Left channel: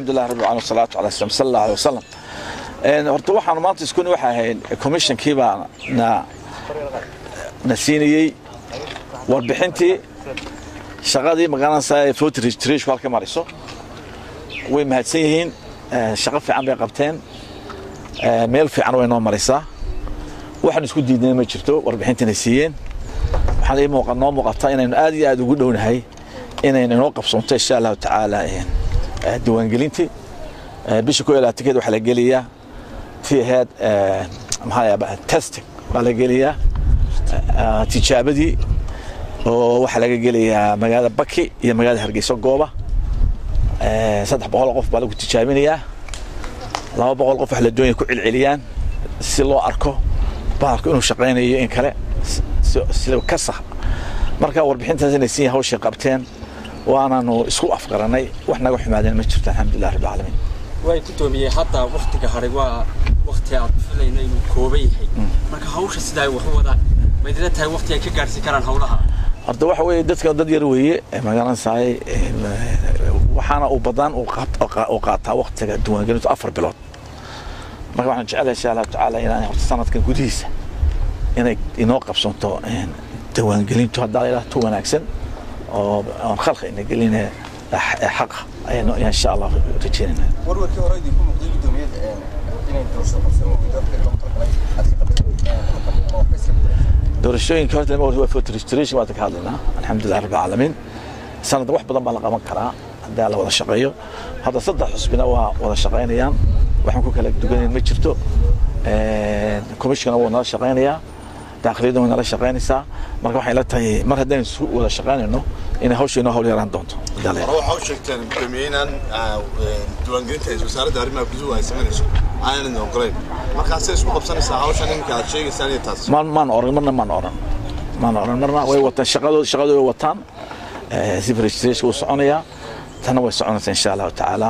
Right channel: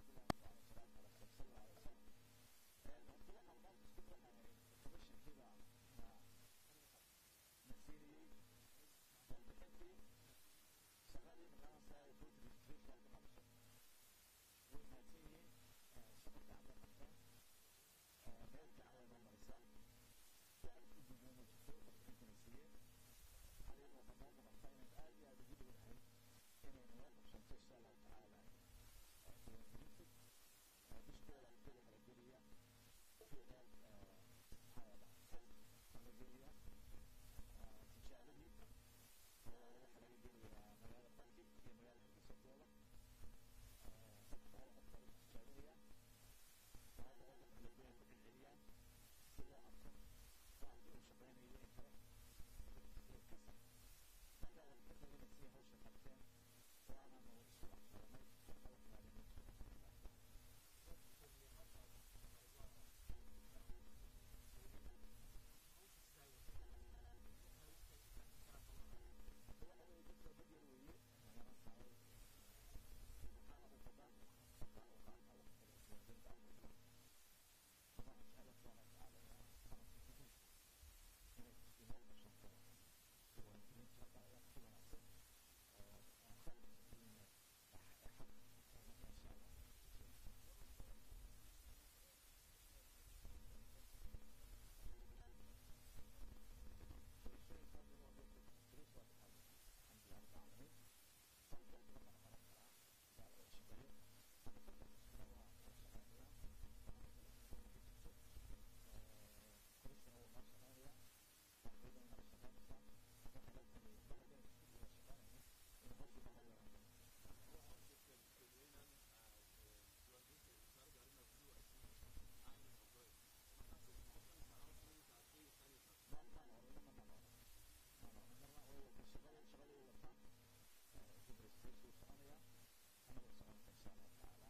الحمد لله رب العالمين والصلاة على سيدنا صلى الله عليه وسلم. horta waxaan maanta isku waxa ahayn commissionkii baa na siinayay warbixintii shaqadii magaalada food registration halka mariso way mahadsan yihiin shaqo fiican bay qabteen meel fiican way noo marisaa waxaan isku diidnay ma jirto warbixintina siiyeen waxaan ay muuqataa inaynu aad iyo aad ugu dhownahay inaynu noo qabsoonto insha Allah taala diiwaangelintii bisha ku ilaa tikid waxa la geliyaa فيها محايا تيستينج ولا جليا تجابدي وحلا جليا مجال بكي هي مجال هرجيسو جوبا صدق بقول قف بالك تجابينيا لا بقول قف على الدنيا كل عليان سلو أركو بارك إنه شقيني إن كلا سلو كسر مركا وربحين تنسي هوش قبتين وأنا إنه سوء أفكارني وإحنا وحمادين مشرت الحمد لله رب العالمين way ku toomiyay hatta waqtiga hore waa waqti aad filaynay inuu koobay yahay marka hawsha sidaa wax wada maydina tahay waqti ay ka gaarsi karaan hawlaha horta waxa weeye dadka dad yar weeye magaalada saay waxaana u badan oo qaata waqtiga diiwaangelintu 4 bilood marka waxaan jecelahay insha Allah taala inaan horta sanadkan gudihiisa inay inoo qabsanto diiwaangelintu hadda ilaa wanaagsan oo khalqi in gelinay حق إن شاء الله تجينا. ورك ورايدي يكون مقدم دوميد إن توصل قسمه دور الشيء كانت الموضوع هو فوت ريستريشن ما تكهلنا الحمد لله رب العالمين سنة واحد بدل ما لقى مكرا هذا ولا شقيه هذا صدق حسبنا ولا شقينا يام وحنا كلك دوجين متشرتو كوميشن ولا شقينا تقريبا ولا شقينا سا marka waxay la tahay mar hadaan wada shaqaynayno in hawsheena hawl yaraan doonto dalay waxa uu sheegteen premier diiwaangelinta wasaaradda arrimaha gudaha ay sameynayso aanan ogoleyn markaas ay isku qabsanaysaa hawshan inka aad sheegaysaan iyo taas man oran marna way wataan shaqadooda way wataan si registration u soconaya tana way soconaysaa insha Allah taala